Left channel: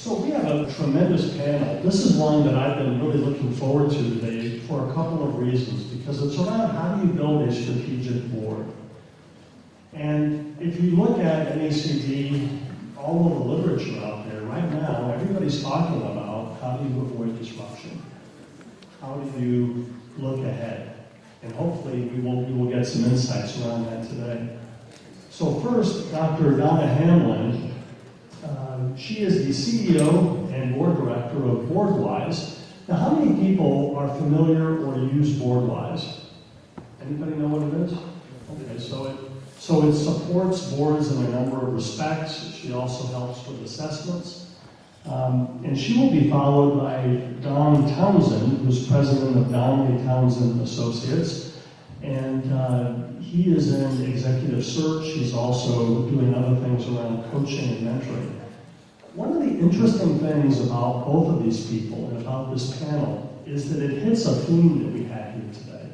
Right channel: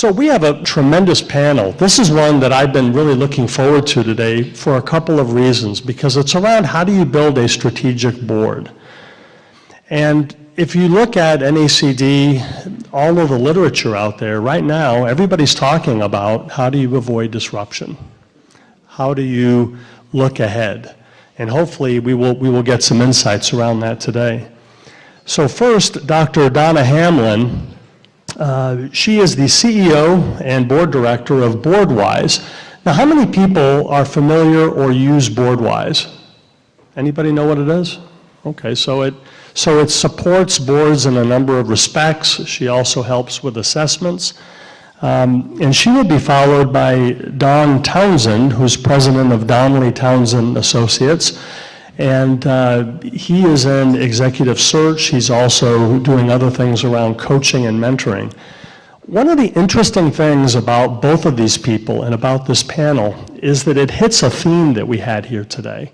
So we have a tremendous panel. This is one that I've been really looking forward to today for a couple of reasons, because it's around how do you build a strategic board. And if you look at NACD, all of the literature out there, right now, everybody's talking about how do you avoid disruption? How do you look ahead? And hopefully we will get some insights around that today. So first, Dr. Donna Hamlin, she is the CEO and board director of BoardWise. Now, how many people are familiar or use BoardWise? Anybody know what it is? Okay, so it supports boards in a number of respects. She also helps with assessments. And she will be followed by Don Townsend, who's president of Donnelly Townsend Associates. And he is in executive search. He's also doing other things around coaching and mentoring. One of the interesting things about both of these people and about this panel is that it hits a theme that we had here today,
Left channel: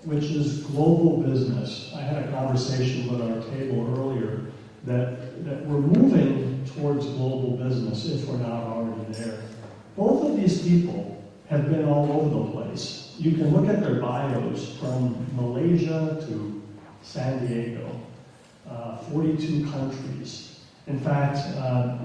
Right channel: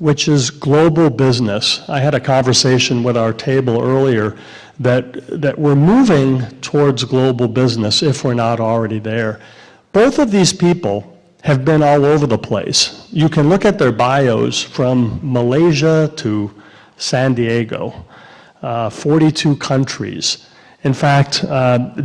which is global business. I had a conversation with our table earlier that we're moving towards global business if we're not already there. Both of these people have been all over the place. You can look at their bios from Malaysia to San Diego, 42 countries. In fact,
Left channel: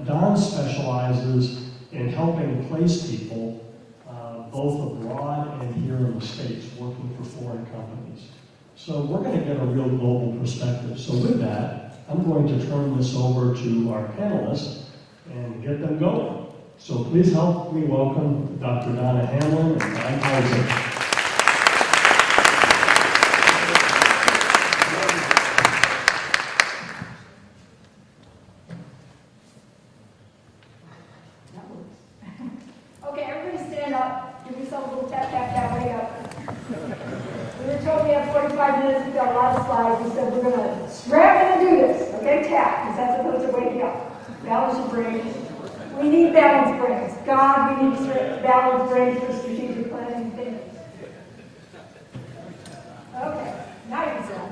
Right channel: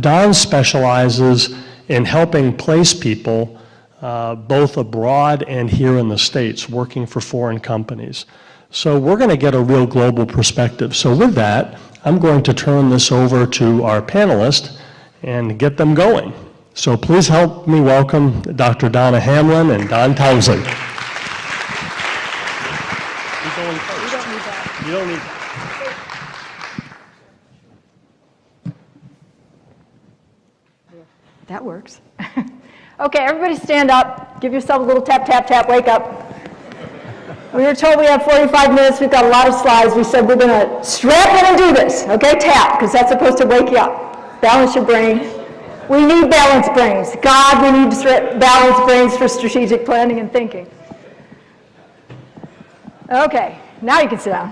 Don specializes in helping place people both abroad and here in the States, working for foreign companies. So we're going to get a real global perspective. So with that, I'm going to turn this over to our panelists and get them going. So please help me welcome Dr. Donna Hamlin and Don Townsend. That works. Okay, everybody stand up. Give yourself a little tap, tap, tap, wake up. We were told we have 45 minutes. We've got a lot of slides. We said we're going to strap in and do this. Okay, tap, because that's supposed to wake you up. Balance your brain. We need balanced brains. God, we need balanced brains for strategic planning and thinking. Okay, now you can sit down.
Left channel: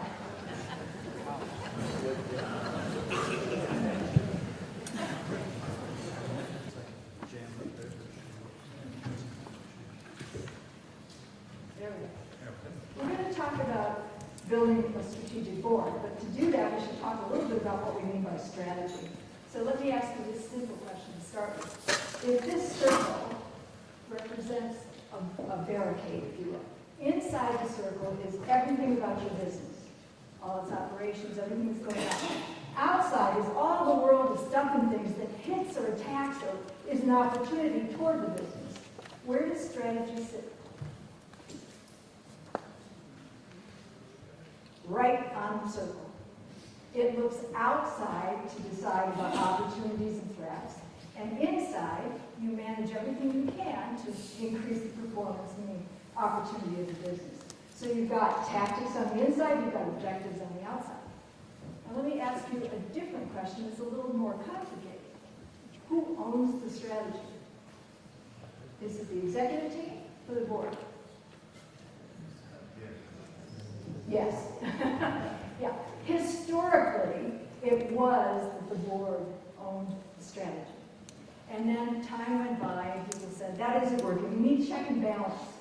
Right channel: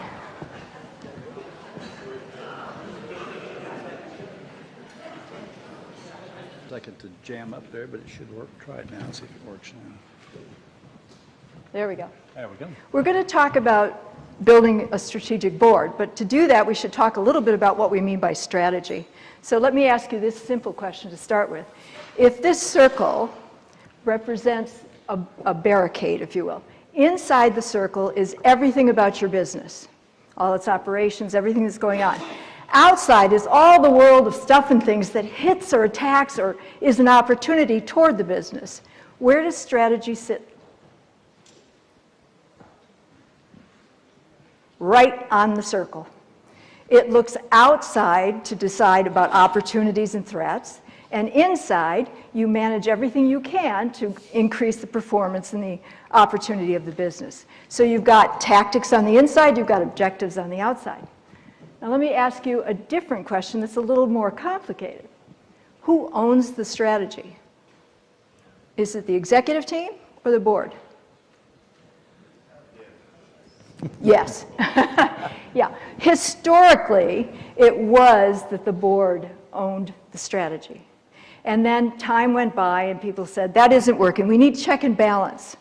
I'd like it to jam up there, but it should work. Try it now and see if it works now. There we go. There we go. We're going to talk about building a strategic board, but to do that, we should talk a little bit about what we mean by strategy. So let me ask you this simple question to start with. If this circle represents a barricade, if you will, inside the circle is everything about your business, all its operations, everything that's going on. Outside is all the world of stuff and things that hits or attacks or is an opportunity toward the business. Where does strategy sit? Right on the circle. It looks outside to decide about opportunities and threats, and inside, you manage everything you can to increase the performance and the opportunity of the business. So you've got tactics on the inside, you've got objectives on the outside. Now let me ask you a different question that's a little more complicated. Who owns the strategy? Is it the executive team or the board? Yes. Yeah. Historically, it was that the board owned the strategy. And then time went by and people said, that isn't working. We need check and balance.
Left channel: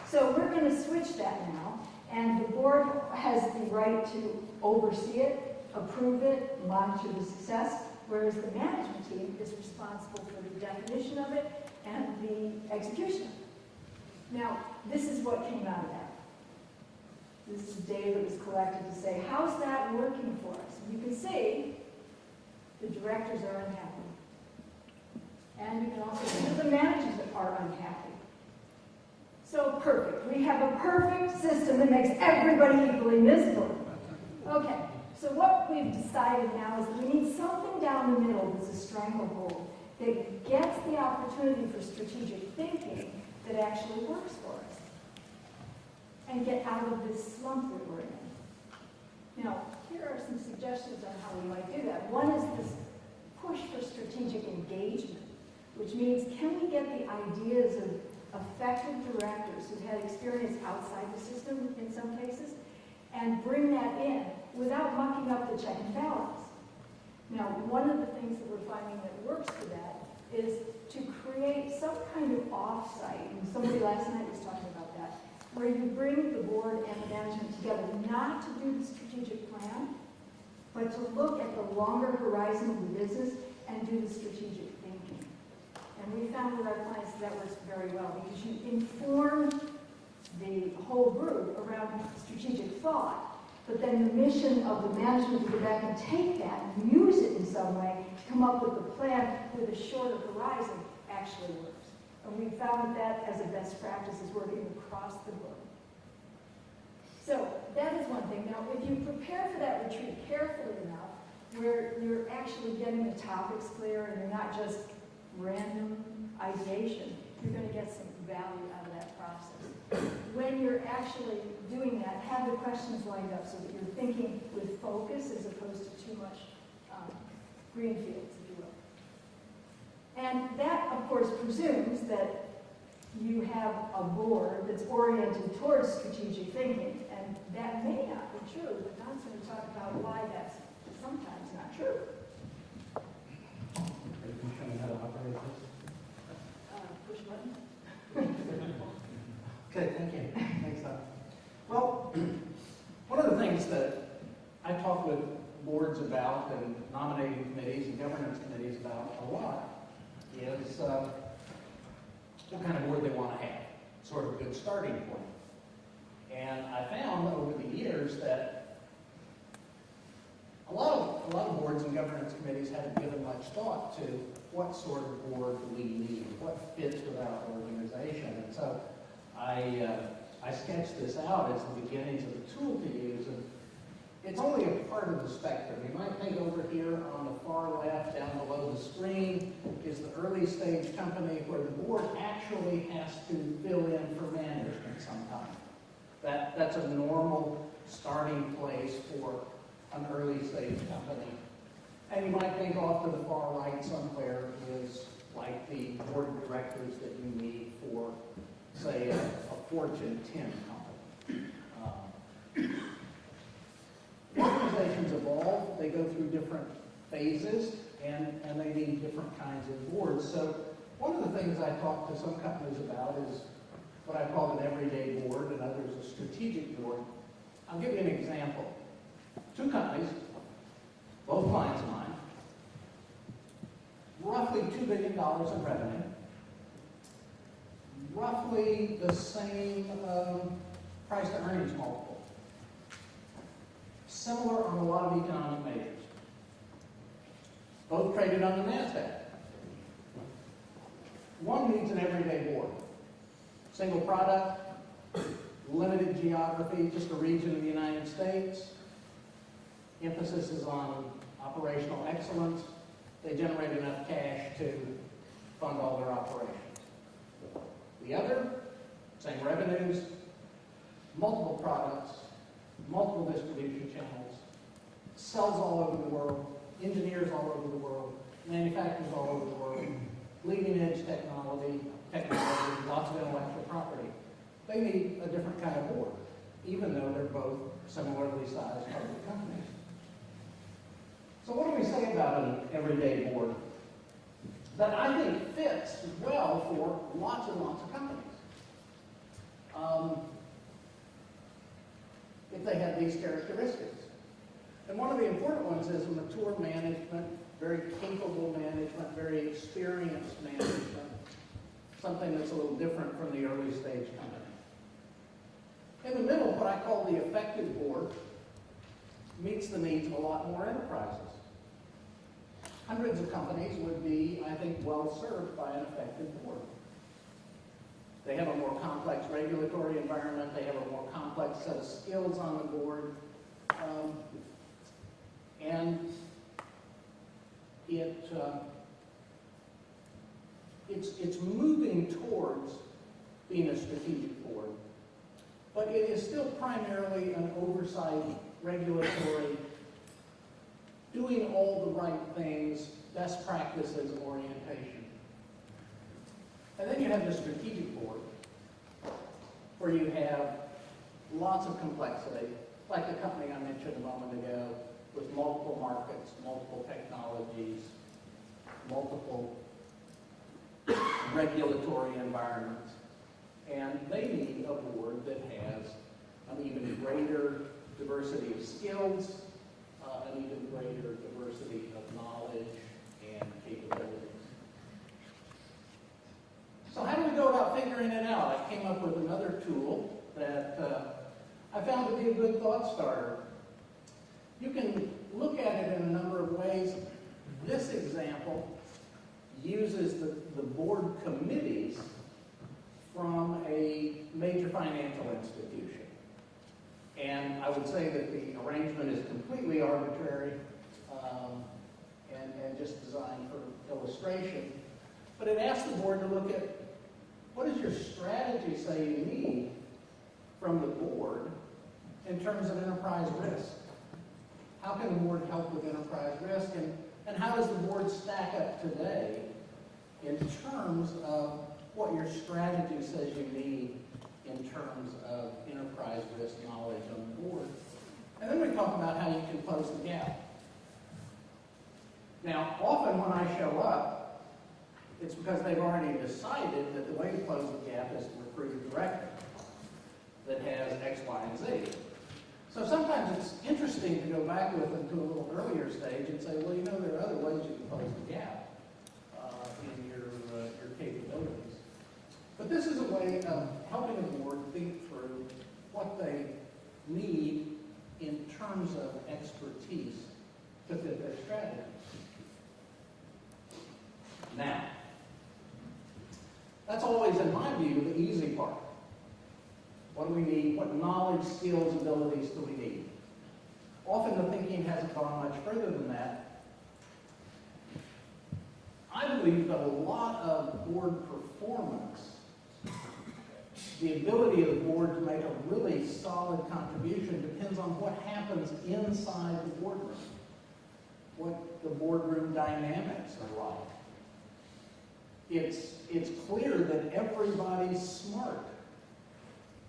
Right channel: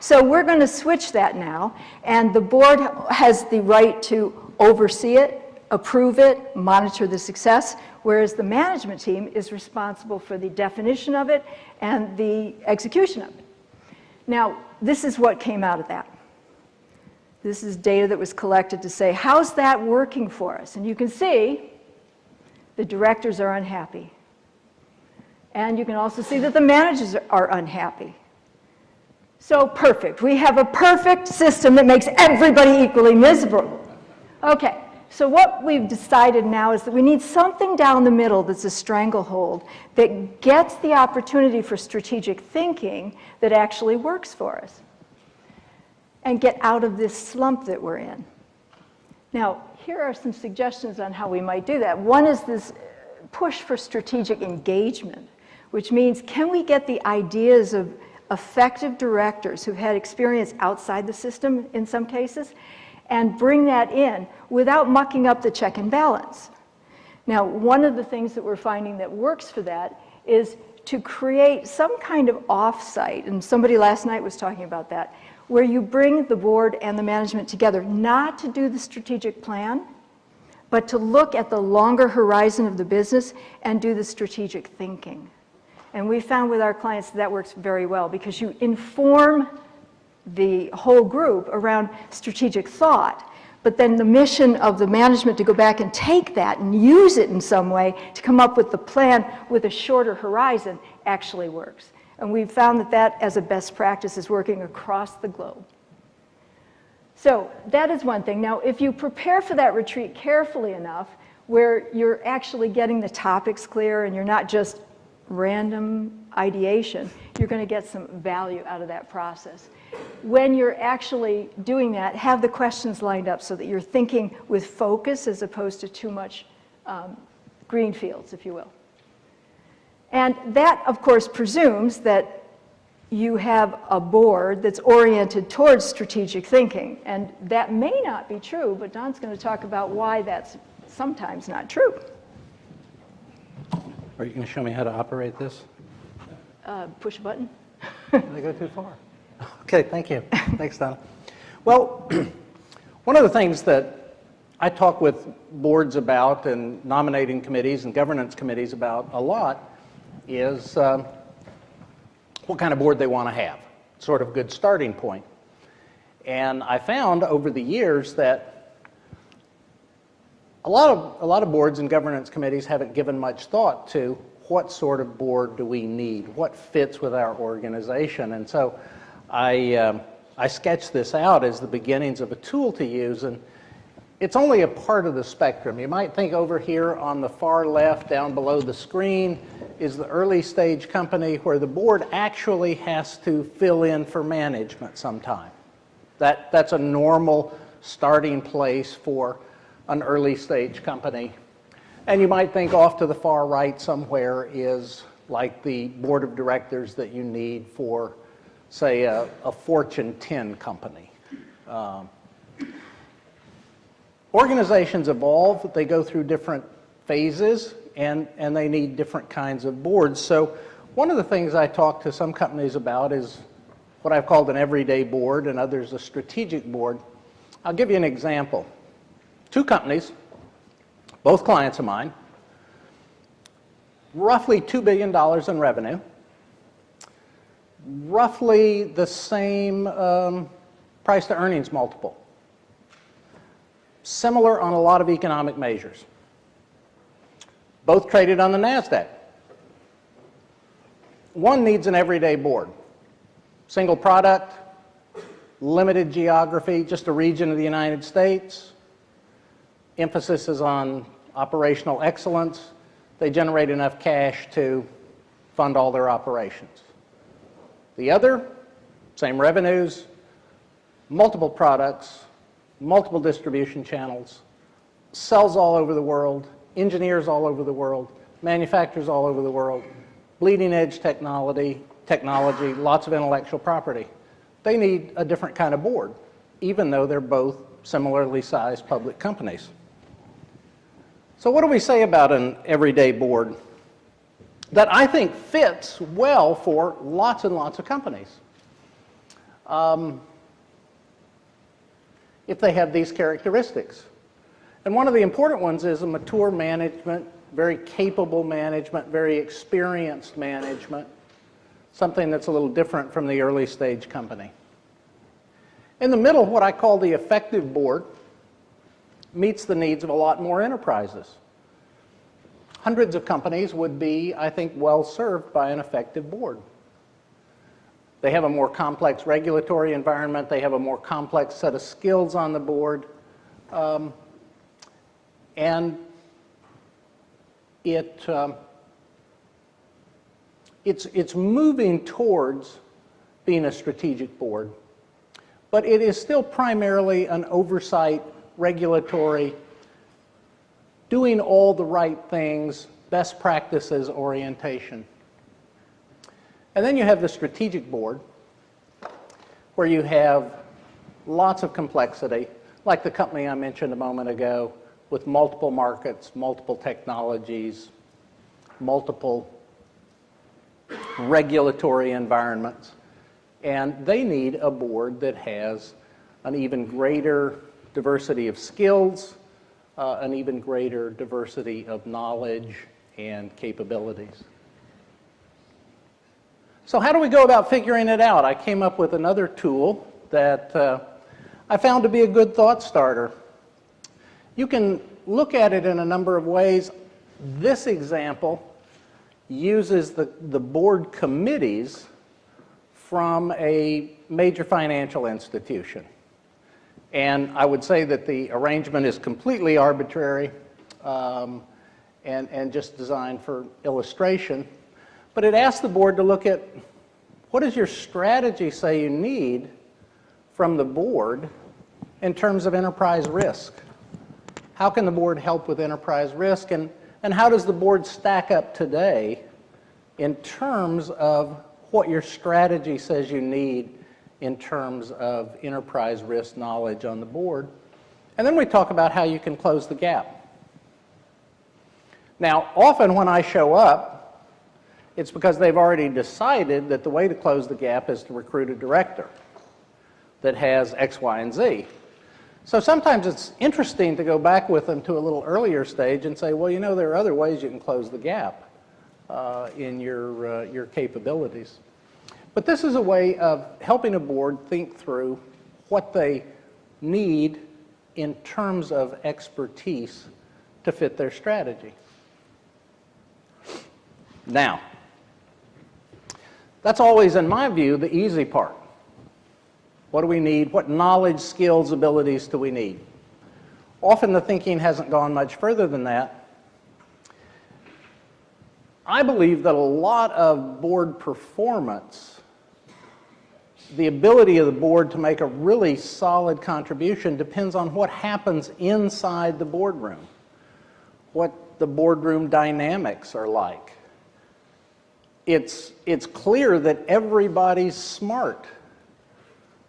So we're going to switch that now. And the board has the right to oversee it, approve it, monitor the success, whereas the management team is responsible for the definition of it and the execution of it. Now, this is what came out of that. This is data that was collected to say, how's that working for us? And you can see the directors are unhappy. And you can also see that the managers are unhappy. So perfect. We have a perfect system that makes everybody equally miserable. Okay, so what we've decided now is that we need something down the middle that's a stranglehold that gets the opportunity for strategic thinking that actually works for us, and get out of this slump that we're in. Now, here are some suggestions on how we might do that. One is this push for strategic engagement, which means can we get the ideas of effective directors who've had experience outside the system in some cases and bring that in without mucking up the check and balance. Now, one of the things that we're finding that works for that is to create some kind of offsite, and somebody last night was talking about that, where you bring the board and the management together, not to do the strategic plan, but to look at the longer horizon of the business and do the strategic thinking. And we found with our clients that works very well because you inform the whole group around strategic thought, but then the mission of the management to go back and take that and use it in some way to come up with the plan with a shorter horizon actually works. And we've found that that as a best practice is working across the globe. So that is one thing. Now, if you prepare for that retreat carefully enough, where you're actually getting the topics clear and you're not just random ideation, you're going to get some value out of that process. When you're actually doing that, have the questions lined up so that you're thinking with focus as opposed to too much green fields, if you will. And that, of course, presumes that you have a board that's oriented towards strategic thinking. And that may not be true, but Don's going to talk about why that's sometimes not true. Are you going to show me how to operate this? Push a button. Did I go too far? Okay, thank you. Thanks, Donna. Well, one of the things that I talk with boards about and nominating committees and governance committees about a lot is what kind of board they want to have, sort of good starting point. And I found over the years that a lot of boards and governance committees haven't given much thought to what sort of board do we need, what fits with our organization. And so I sketched this out as the beginnings of a tool to use, and it's only a part of the spectrum. You might think over here on the far left, down below the screen, is the early stage company where the board actually has to fill in for management sometime. That's a normal starting place for an early stage company. And you might think off to the far right somewhere is like the board of directors that you need for, say, a Fortune 10 company. Organizations evolve, they go through different phases, and they need different kinds of boards. So one of the things I talk to some companies about is what I've called an everyday board and others a strategic board. I'll give you an example. Two companies, both clients of mine, roughly $2 billion in revenue, roughly the same price to earnings multiple, similar on a lot of economic measures. Both traded on the NASDAQ. One needs an everyday board. Single product, limited geography, just a region of the United States. Emphasis is on operational excellence. They generate enough cash to fund all their operations. The other, same revenues, multiple products, multiple distribution channels, sells all over the world, engineers all over the world, manufacturers all over the world, bleeding edge technology, lots of intellectual property. They need a different kind of board, even though they're both similarly sized public companies. So what do we say about an everyday board that I think fits well for lots and lots of companies? If they have these characteristics. And one of the important ones is a mature management, very capable management, very experienced management, something that's a little different from the early stage company. In the middle, what I call the effective board meets the needs of a lot more enterprises. Hundreds of companies would be, I think, well served by an effective board. They have a more complex regulatory environment. They have a more complex set of skills on the board. And it's moving towards being a strategic board. But it is still primarily an oversight, regulatory, doing all the right things, best practices orientation. And then you have the strategic board, where you have lots of complexity, like the company I mentioned a moment ago, with multiple markets, multiple technologies, multiple regulatory environments. And they need a board that has an even greater diversity of skills, an even greater diversity of knowledge and capabilities. So how do we go about figuring it out? I came up with another tool that I found to be a good thought starter. You can look at it in a number of ways. This example uses the board committees from a major financial institution. And I would say that the arrangement is completely arbitrary and just designed for illustration. But it asks the board to look at what does your strategy say you need from the board in terms of enterprise risk? How can the board help with enterprise risk? And how does the board stack up today in terms of what your strategy says you need in terms of enterprise risk knowledge on the board? And then we talk about how you can close the gap. Now, often when I show up, it's because they've already decided that the way to close the gap is to recruit a director that has X, Y, and Z. So sometimes it's interesting to go back with them to a little earlier stage and say, well, you know, there are other ways you can close the gap in your capabilities. But this is a way of helping a board think through what they need in terms of expertise to fit their strategy. Now, that's always, in my view, the easy part. What do we need? What knowledge, skills, abilities do we need? Often the thinking hasn't gone much further than that. I believe that a lot of board performance, the ability of the board to make a really solid contribution, depends on what happens inside the boardroom, what the boardroom dynamics are like. It's clear that everybody's smart.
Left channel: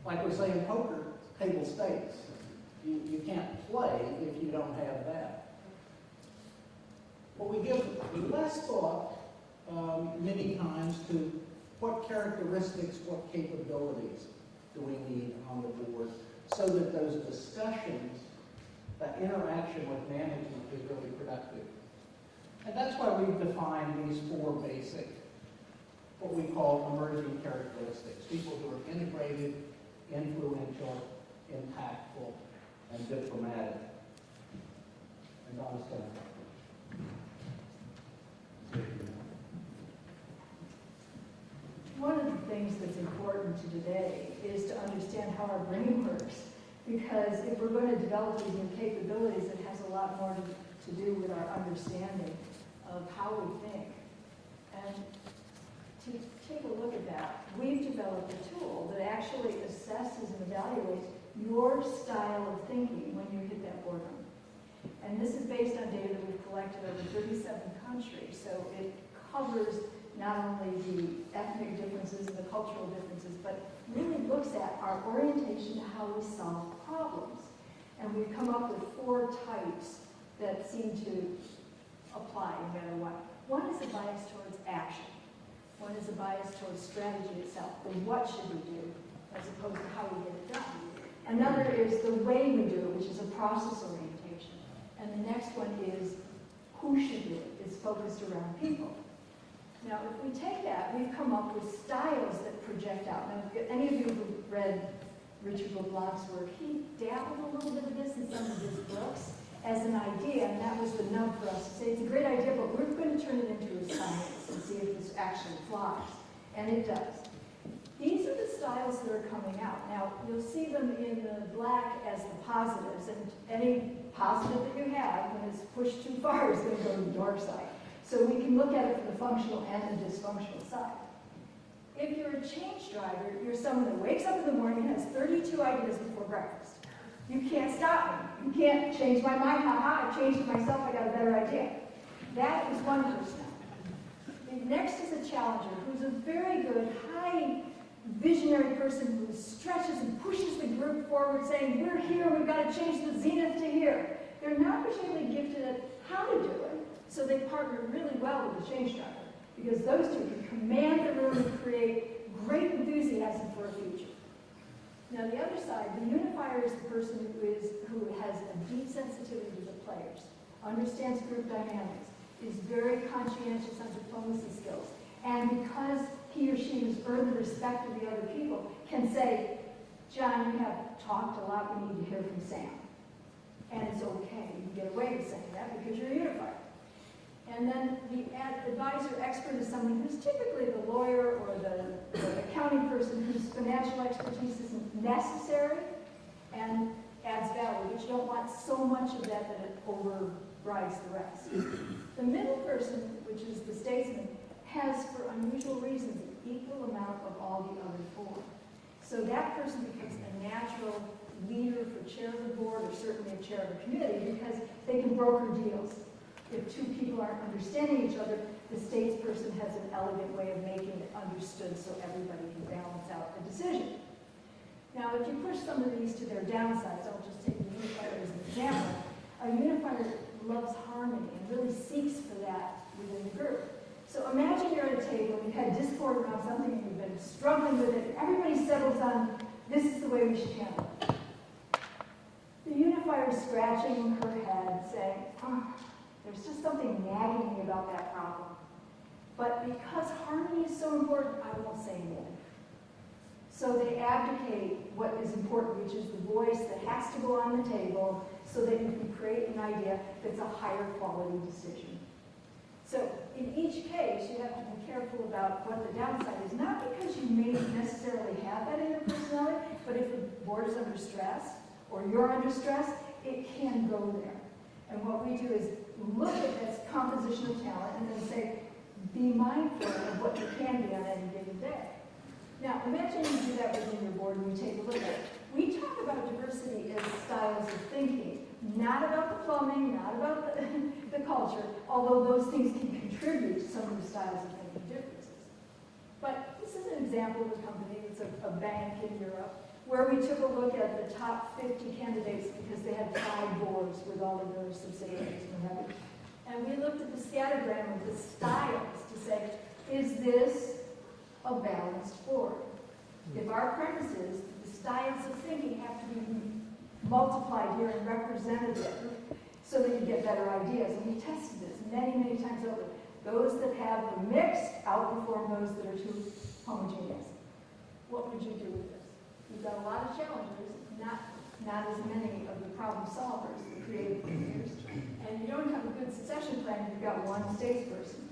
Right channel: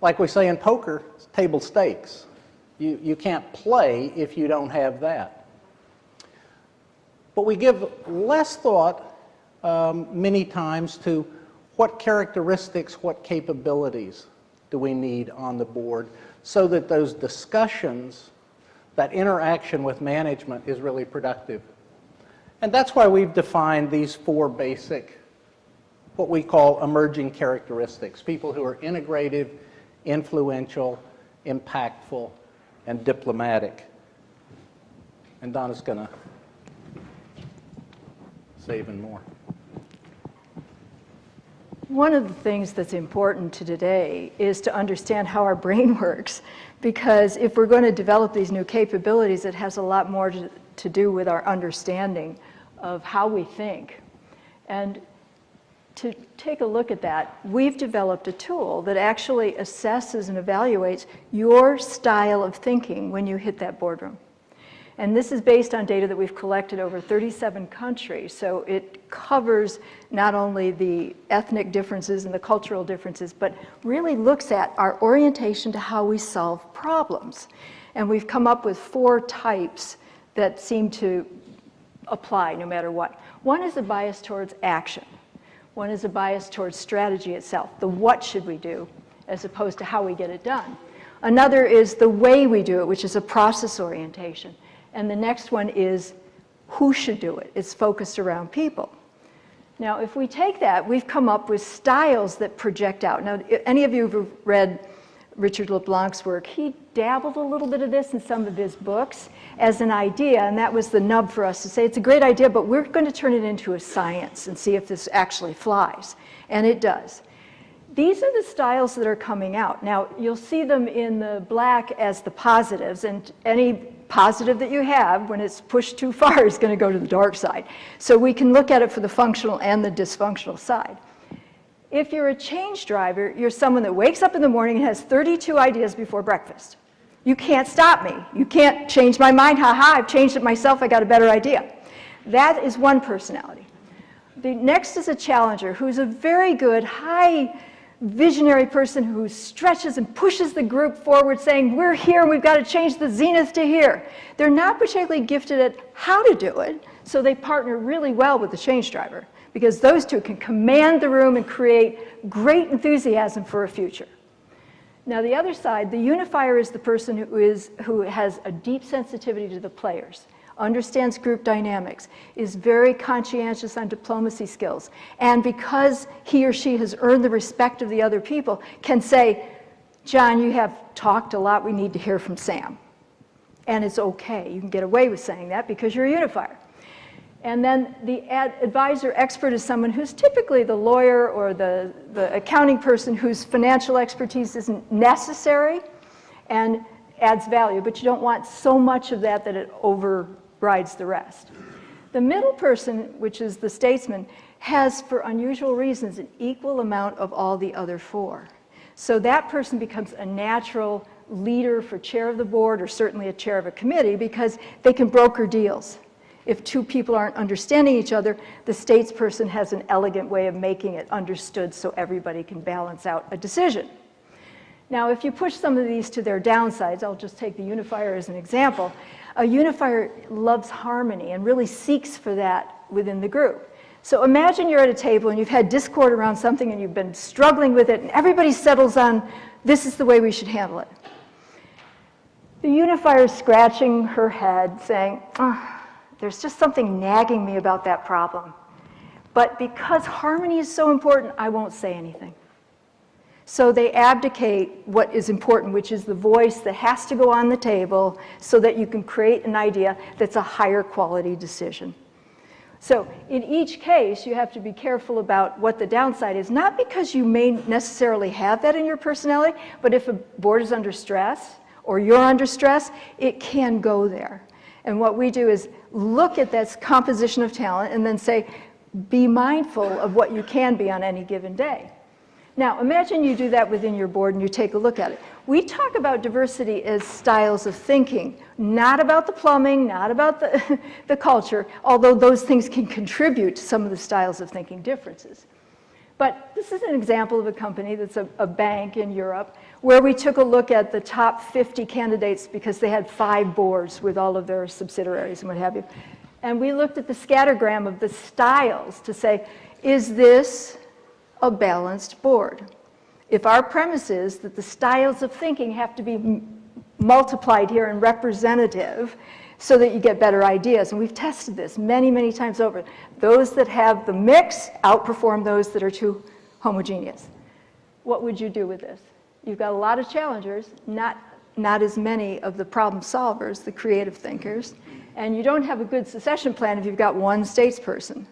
Like we say in poker, it's table stakes. You can't play if you don't have that. But we give less thought many times to what characteristics, what capabilities do we need on the board so that those discussions, that interaction with management is really productive. And that's why we've defined these four basic, what we call emerging characteristics, people who are integrative, influential, impactful, and diplomatic. And Donna's going to say even more. One of the things that's important to today is to understand how our brain works, because if we're going to develop these new capabilities, it has a lot more to do with our understanding of how we think. And to take a look at that, we've developed a tool that actually assesses and evaluates your style of thinking when you hit that boardroom. And this is based on data that we've collected over 37 countries, so it covers not only the ethnic differences and the cultural differences, but really looks at our orientation to how we solve problems. And we've come up with 4 types that seem to apply no matter what. One is a bias towards action. One is a bias towards strategy itself, the what should we do, as opposed to how we get it done. Another is the way we do it, which is a process orientation. And the next one is who should do it. It's focused around people. Now, if we take that, we've come up with styles that project out. Now, any of you who've read Richard LeBlanc's work, he dabbled a little bit of this in some of his books as an idea, and that was the nub for us to say, it's a great idea, but we're going to turn it into a science and see if this actually flies. And it does. These are the styles that are coming out. Now, you'll see them in the black as the positives, and any positive that you have, when it's pushed too far, is going to go to the dark side. So we can look at it for the functional and the dysfunctional side. If you're a change driver, you're someone that wakes up in the morning and has 32 ideas before breakfast. You can't stop me. You can't change my mind. Ha-ha, I've changed it myself. I got a better idea. That is one personality. The next is a challenger who's a very good, high visionary person who stretches and pushes the group forward saying, we're here and we've got to change the zenith to here. They're not particularly gifted at how to do it, so they partner really well with the change driver because those two can command the room and create great enthusiasm for a future. Now the other side, the unifier, is the person who has a deep sensitivity to the players, understands group dynamics, is very conscientious on diplomacy skills, and because he or she has earned the respect of the other people, can say, John, you have talked a lot, we need to hear from Sam. And it's okay, you can get away with saying that because you're a unifier. And then the advisor expert is someone who's typically the lawyer or the accounting person whose financial expertise isn't necessary and adds value, but you don't want so much of that that it overrides the rest. The middle person, which is the statesman, has, for unusual reasons, an equal amount of all the other four. So that person becomes a natural leader for chair of the board, or certainly a chair of a committee, because they can broker deals. If two people aren't understanding each other, the statesperson has an elegant way of making it understood so everybody can balance out a decision. Now, if you push some of these to their downsides, I'll just take the unifier as an example. A unifier loves harmony and really seeks for that within the group. So imagine you're at a table and you've had discord around something and you've been struggling with it, and everybody settles on, this is the way we should handle it. The unifier is scratching her head saying, there's just something nagging me about that problem. But because harmony is so important, I won't say anything. So they abdicate what is important, which is the voice that has to go on the table so that you can create an idea that's a higher quality decision. So in each case, you have to be careful about what the downside is, not because you may necessarily have that in your personality, but if a board is under stress or you're under stress, it can go there. And what we do is look at that composition of talent and then say, be mindful of what you can be on any given day. Now, imagine you do that within your board and you take a look at it. We talk about diversity as styles of thinking, not about the plumbing, not about the culture, although those things can contribute to some of the styles of thinking differences. But this is an example of a company that's a bank in Europe where we took a look at the top 50 candidates because they had 5 boards with all of their subsidiaries and what have you. And we looked at the scattergram of the styles to say, is this a balanced board? If our premise is that the styles of thinking have to be multiplied here and representative so that you get better ideas, and we've tested this many, many times over, those that have the mix outperform those that are too homogeneous. What would you do with this? You've got a lot of challengers, not as many of the problem solvers, the creative thinkers, and you don't have a good succession plan if you've got one statesperson.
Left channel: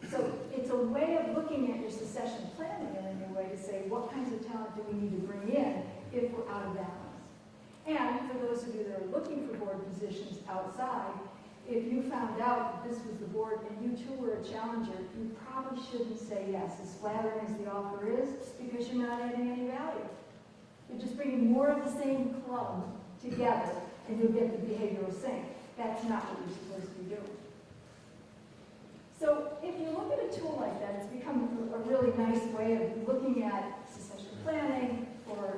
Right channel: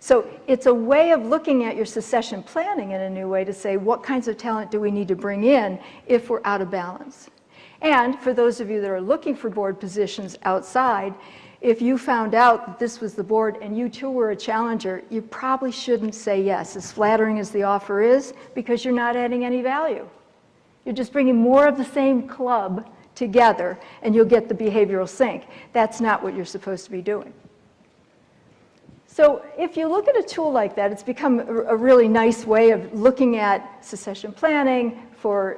So it's a way of looking at your succession planning in a new way to say, what kinds of talent do we need to bring in if we're out of balance? And for those of you that are looking for board positions outside, if you found out that this was the board and you too were a challenger, you probably shouldn't say yes, as flattering as the offer is, because you're not adding any value. You're just bringing more of the same club together and you'll get the behavioral sync. That's not what you're supposed to be doing. So if you look at a tool like that, it's become a really nice way of looking at succession planning, for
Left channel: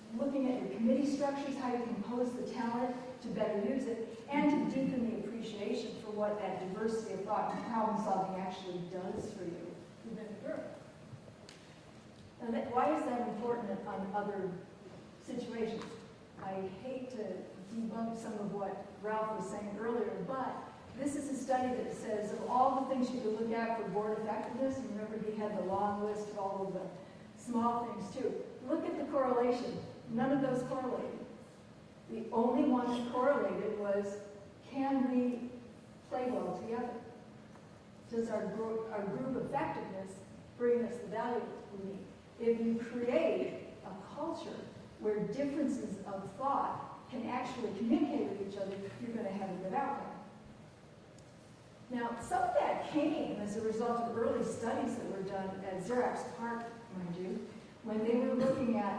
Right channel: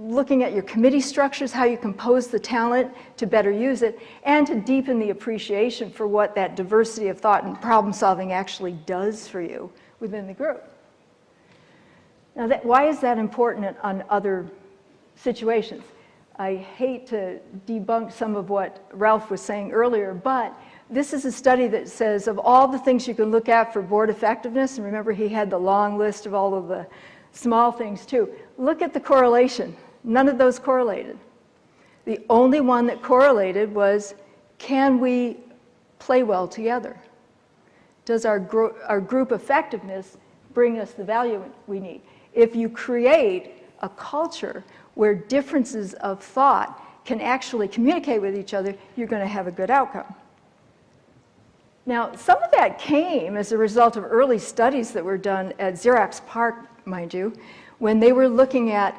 looking at your committee structures, how you compose the talent to better use it, and to deepen the appreciation for what that diversity of thought and problem solving actually does for you within the group. Now, why is that important on other situations? I hate to debunk some of what Ralph was saying earlier, but this is a study that says of all the things you can look at for board effectiveness, and remember he had the long list of all of the small things too, look at the correlation. None of those correlated. The only one that correlated was, can we play well together? Does our group effectiveness bring us the value we need? If you create a culture where differences of thought can actually communicate with each other, you're going to have a good outcome. Now, some of that came as a result of early studies that were done at Xerox PARC, mind you, when they were looking at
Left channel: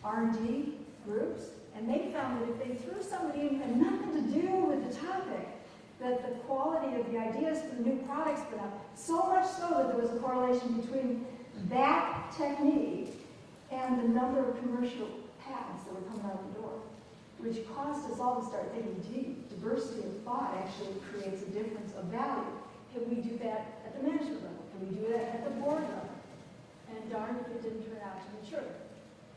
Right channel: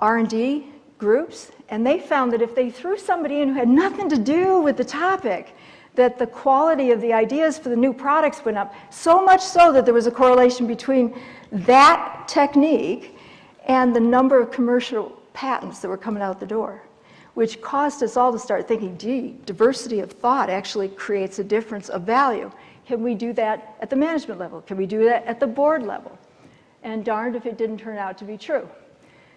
R&D groups, and they found that if they threw somebody in who had nothing to do with the topic, that the quality of the ideas for the new products went up, so much so that there was a correlation between that technique and the number of commercial patents that were coming out the door, which caused us all to start thinking, gee, diversity of thought actually creates a difference of value. Can we do that at the management level? Can we do that at the board level? And darned if it didn't turn out to be true.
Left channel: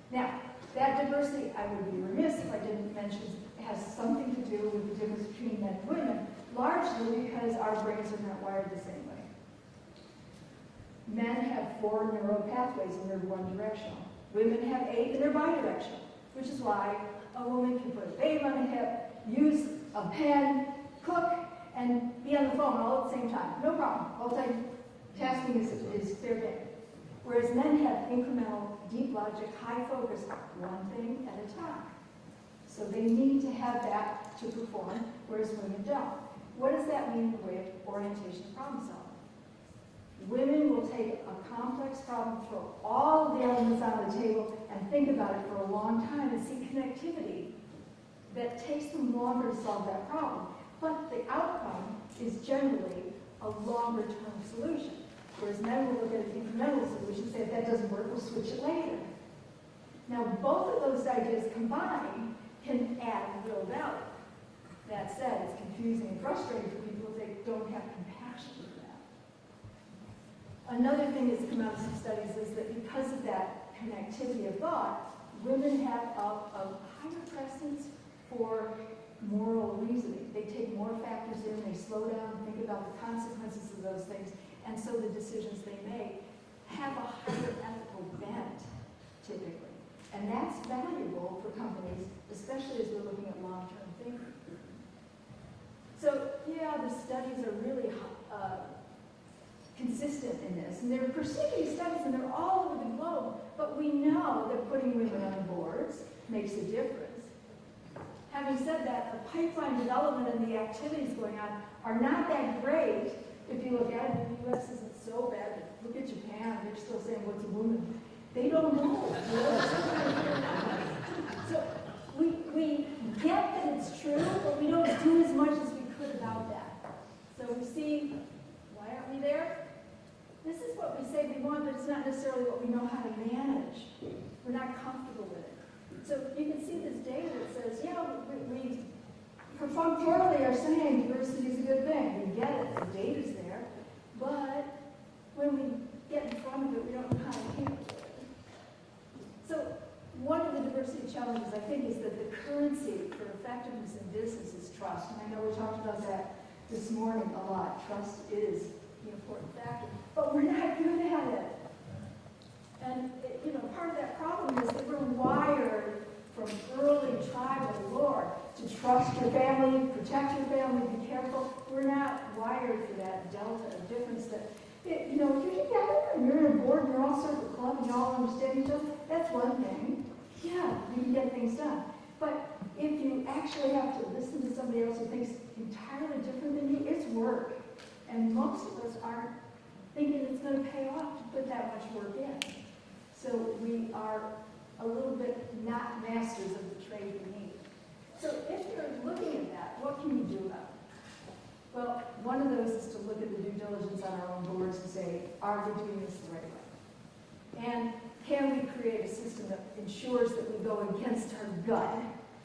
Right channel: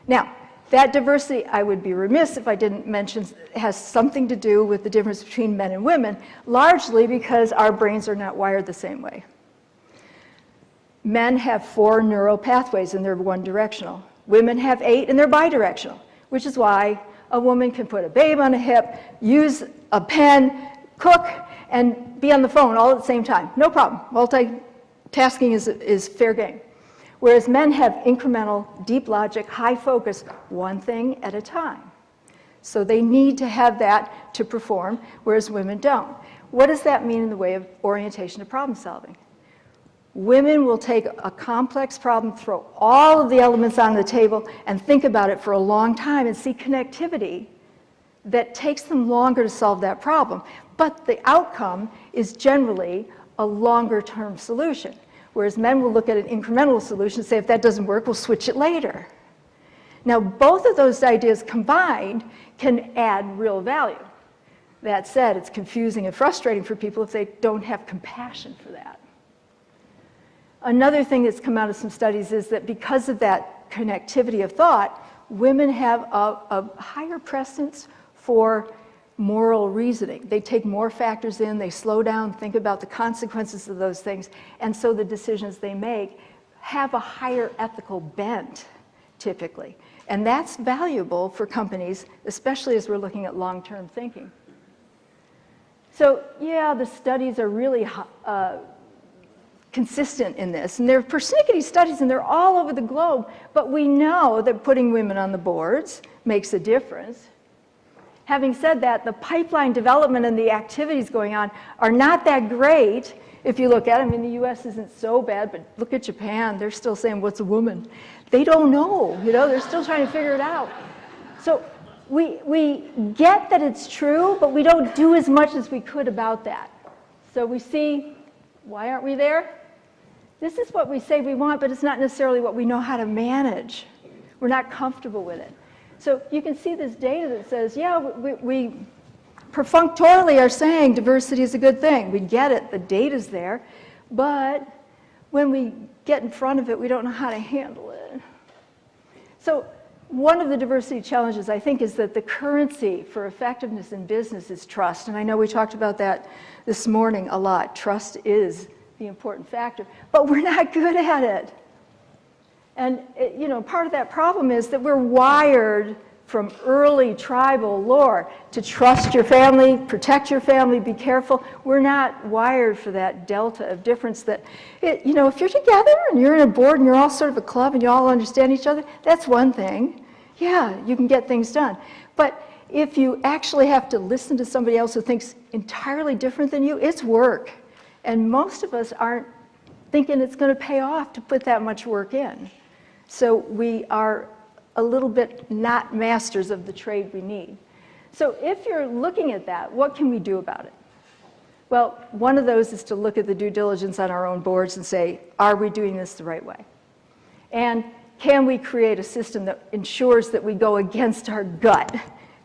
Now, that diversity, I would be remiss if I didn't mention, has something to do with the difference between men and women, largely because our brains are not wired the same way. Men have 4 neural pathways and they're one directional. Women have 8 and they're bidirectional, which is why a woman can put a babe on a hip, use a pen, cook, and be on the phone all at the same time. No problem. Multitasking is fair game. Whereas men have incremental, deep logic, high focus, one thing at a time. So they need to have that to perform, whereas women don't. What does that mean in the way of orientation to problem solving? Women will take a complex problem, throw all of the elements on the table, and think about it for a long time and see connectivity that takes them longer to solve that problem. But the outcome is generally a longer-term solution. Whereas men will look at an incremental solution and say, if that doesn't work, we'll switch it later. Now, both of those ideas combined can add real value. That said, it's confusing and frustrating for people if they don't have compassion for that. Another thing that's come out of some studies is that because of that connectivity of thought, women have a higher precedence for moral reasoning. They take more factors in, they slow down, think about the consequences of those things, and so the decisions they make have a higher ethical bent, typically. And that's valuable for companies, especially as we're looking at long-term thinking. So, yeah, the studies are really consistent in this, and they're persnickety studies, and they're all over the globe, but we know that putting women on the boards makes a difference. Having said that, the pipeline development and the activities going on are not that great if you look at it. I mean, the US isn't so bad, but look at Japan. They're still saying, what's a woman? They don't know, they're still trying to figure it out. So we get that it's true, but we don't do as much as we could about that. So we see, why aren't we there? This is what we say we want, but it's not necessarily what we know how to manage. We're not comfortable with it. So you can see this data that says, yeah, we perfunctorily are saying diversity is a good thing. We get it, the data's there, but when we get in front of it, we don't know how to handle it. So one of the diversity challenges, I think, is that the currency for effectiveness in business is trust. And I know we talked about that this morning a lot. Trust is the important factor, but we're not good at it. And part of that problem is that we're wired from early tribal lore to trust your family, protect your family, be careful. We're not wired for that delta of difference that, if you're together and you're in a board and you're all sort of a club and you all understand each other, that's one thing. Yeah, you can get things done. But if you actually have to listen to somebody else who thinks entirely different than you, it's work. And most of us aren't thinking it's going to pay off to put that much work in. So we are a little bit not masters of the trade we need. So if you're looking at that, what can we do about it? Well, one of those is to look at the due diligence on our own boards and say, are we doing this the right way? And can we create a system that ensures that we go against our gut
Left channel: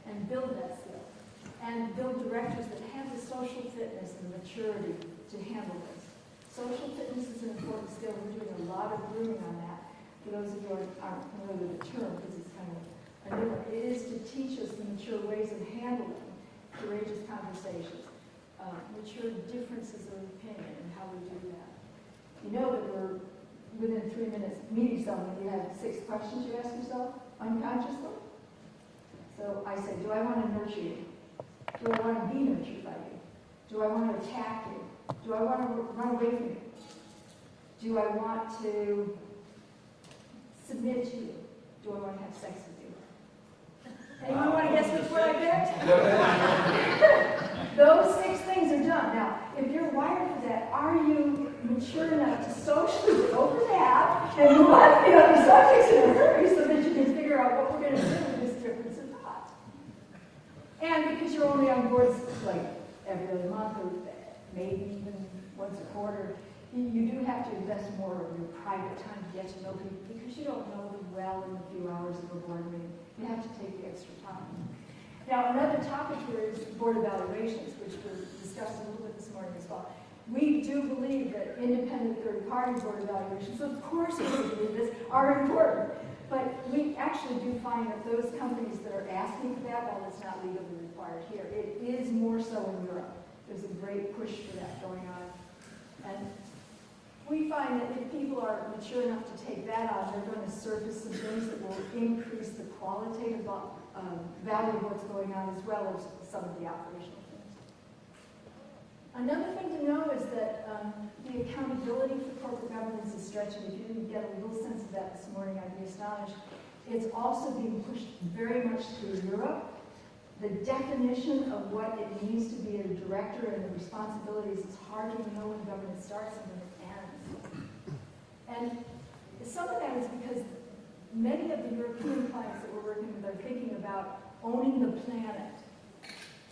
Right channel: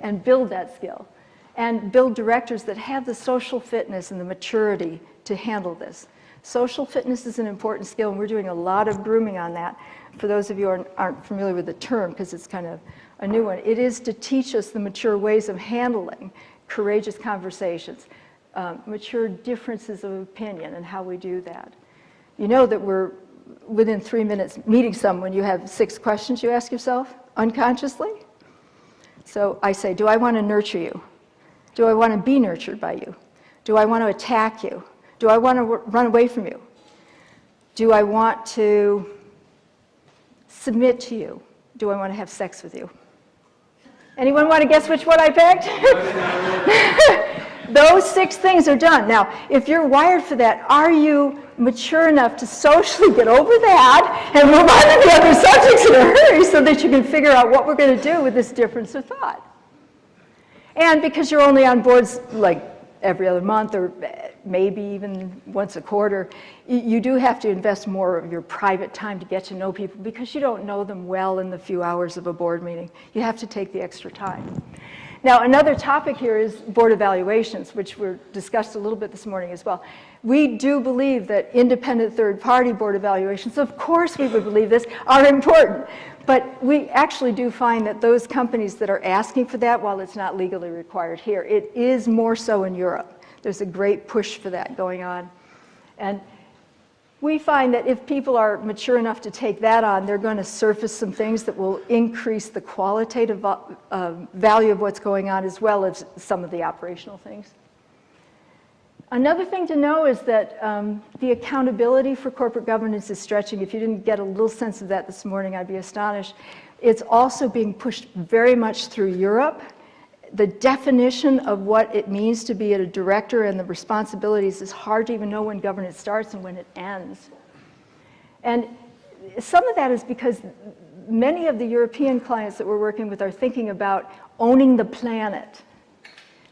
and build that skill? And build directors that have the social fitness and the maturity to handle this. Social fitness is an important skill, and we're doing a lot of grooming on that. For those of you who aren't familiar with the term, because it's kind of a new one, it is to teach us the mature ways of handling courageous conversations, mature differences of opinion, and how we do that. You know that we're within 3 minutes meeting someone, you have 6 questions you ask yourself unconsciously. So I say, do I want to nurture you? Do I want to be nurtured by you? Do I want to attack you? Do I want to run away from you? Do I want to submit to you? Do I want to have sex with you? Anyone want to guess which one I picked? Those 6 things are done. Now, if you're wired for that, are you mature enough to socially get over that and move on to the other subjects in a hurry so that you can figure out what we're going to do with this difference of thought? And because you're only on boards like every other month or maybe even once a quarter, you do have to invest more of your private time to get to know people because you don't know them well in the few hours of a board meeting. You have to take the extra time. Now, another topic here is board evaluations, which were discussed a little bit this morning as well. We do believe that independent third-party board evaluations, of course we would believe this, are important. But we actually do find that those companies that are asking for that, while it's not legally required here, it is more so in Europe. There's a great push for that going on. And we find that if people are mature enough to take that on, they're going to surface some things that will increase the qualitative value of what's going on, as well as some of the operational things. Another thing to know is that the accountability for corporate governance is stretching. If you didn't get a little sense of that this morning, I'd be astonished. It's also being pushed very much through Europe. The definition of what it means to be a director and the responsibilities is hard to even know when governance starts and when it ends. And some of that is because many of the European clients that we're working with are thinking about owning the planet.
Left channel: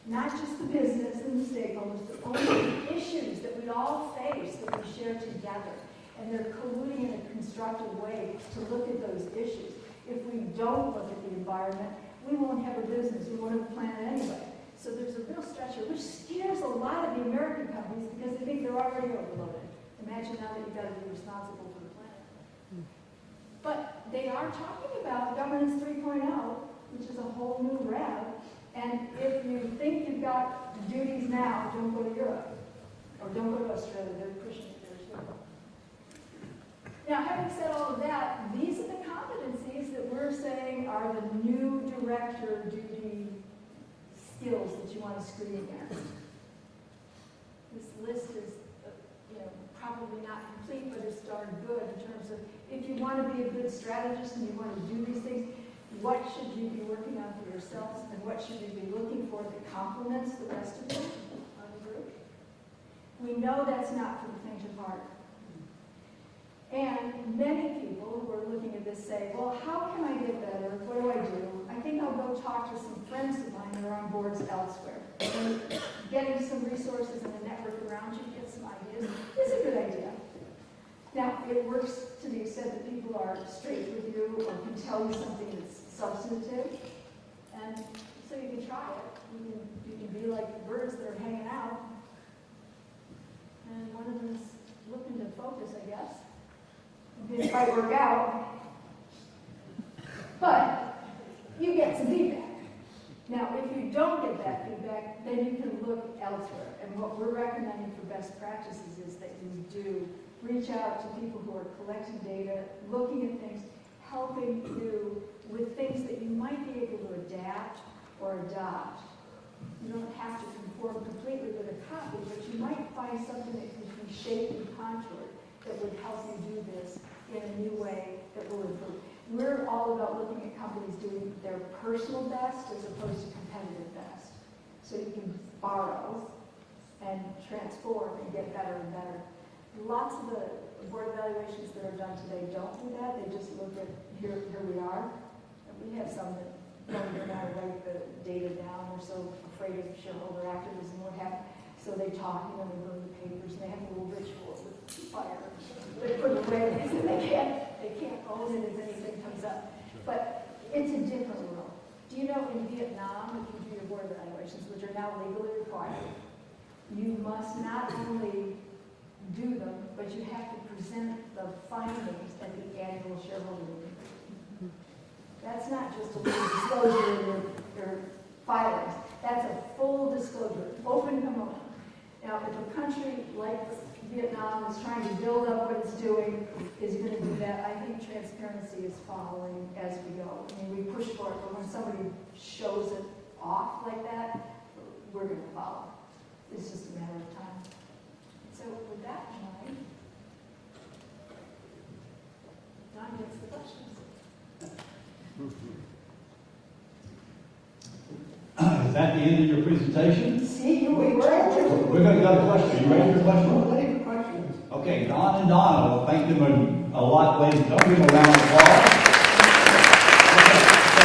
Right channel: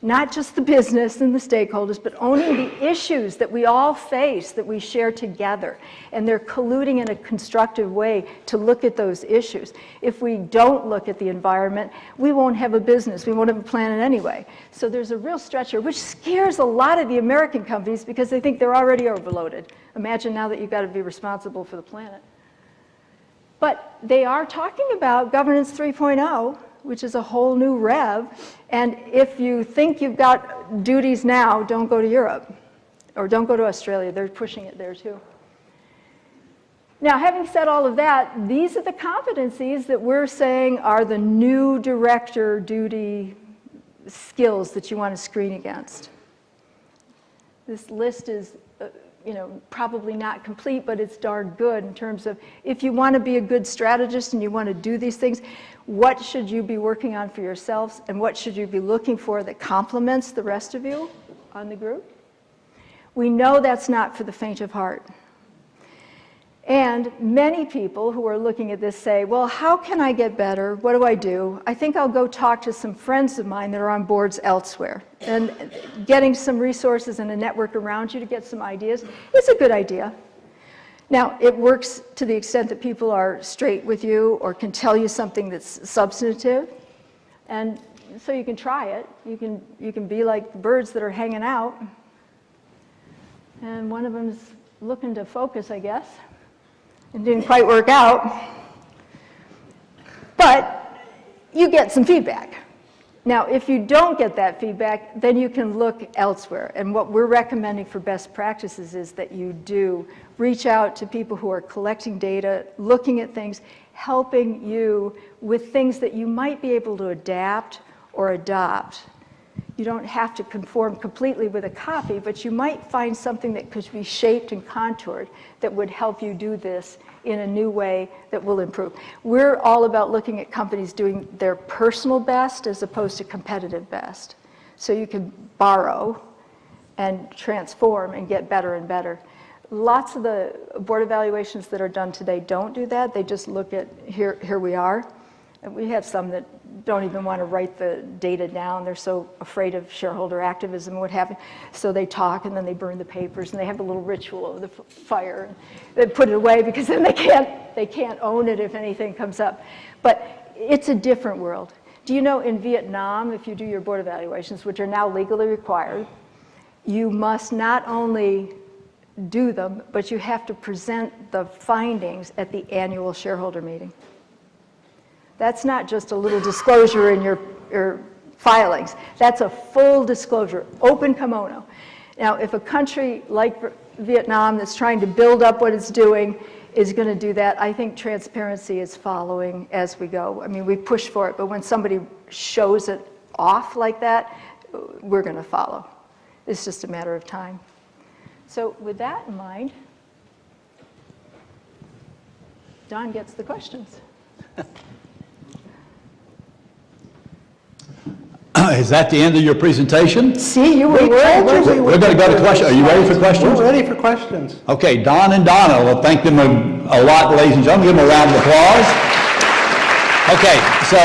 Not just the business and the stakeholders, but owning the issues that we all face, that we share together. And they're colluding in a constructive way to look at those issues. If we don't look at the environment, we won't have a business. We won't have a planet anyway. So there's a real stretch here, which scares a lot of the American companies because they think they're already overloaded. Imagine now that you've got to be responsible for the planet. But they are talking about Governance 3.0, which is a whole new rev. And if you think you've got duties now, don't go to Europe or don't go to Australia. They're pushing it there too. Now, having said all of that, these are the competencies that we're saying are the new director duty skills that you want to screen against. This list is probably not complete, but it's darn good in terms of if you want to be a good strategist and you want to do these things, what should you be working on for yourselves and what should you be looking for that complements the rest of you on the group? We know that's not for the faint of heart. And many people who are looking at this say, well, how can I get better? What do I do? I think I'll go talk to some friends of mine that are on boards elsewhere. And getting some resources and a network around you to get some ideas is a good idea. Now, it works to the extent that people are straight with you or can tell you something that's substantive. And so you can try it. You can be like the birds that are hanging out. And one of them's looking to focus, I guess. It didn't quite work out. But you get some feedback. Now, if you don't get that feedback, then you can look elsewhere. And what we're recommending for best practices is that you do reach out to people who are collecting data, looking at things, helping you with things that you might be able to adapt or adopt. You don't have to conform completely with a copy, but you might find something that could be shaped and contoured that would help you do this in a new way that will improve. We're all about looking at companies doing their personal best as opposed to competitive best. So you can borrow and transform and get better and better. Lots of the board evaluations that are done today don't do that. They just look at here we are. And we have some that don't even want to write the data down. They're so afraid of shareholder activism and what have you. So they talk and then they burn the papers and they have a little ritual over the fire. They put it away because then they can't own it if anything comes up. But it's a different world. Do you know in Vietnam, if you do your board evaluations, which are now legally required, you must not only do them, but you have to present the findings at the annual shareholder meeting. That's not just a little disclosure in your filings. That's a full disclosure, open kimono. Now, if a country like Vietnam that's trying to build up what it's doing is going to do that, I think transparency is following as we go. I mean, we push for it, but when somebody shows it off like that, we're going to follow. It's just a matter of time. So with that in mind, Don gets the questions. Is that the end of your presentation? See, you were worried. We're going to go to questions. Are you ready for questions? We're ready for questions. Okay, Don and Donna, well, thank them a lot, ladies and gentlemen. Give them a round of applause. Okay, so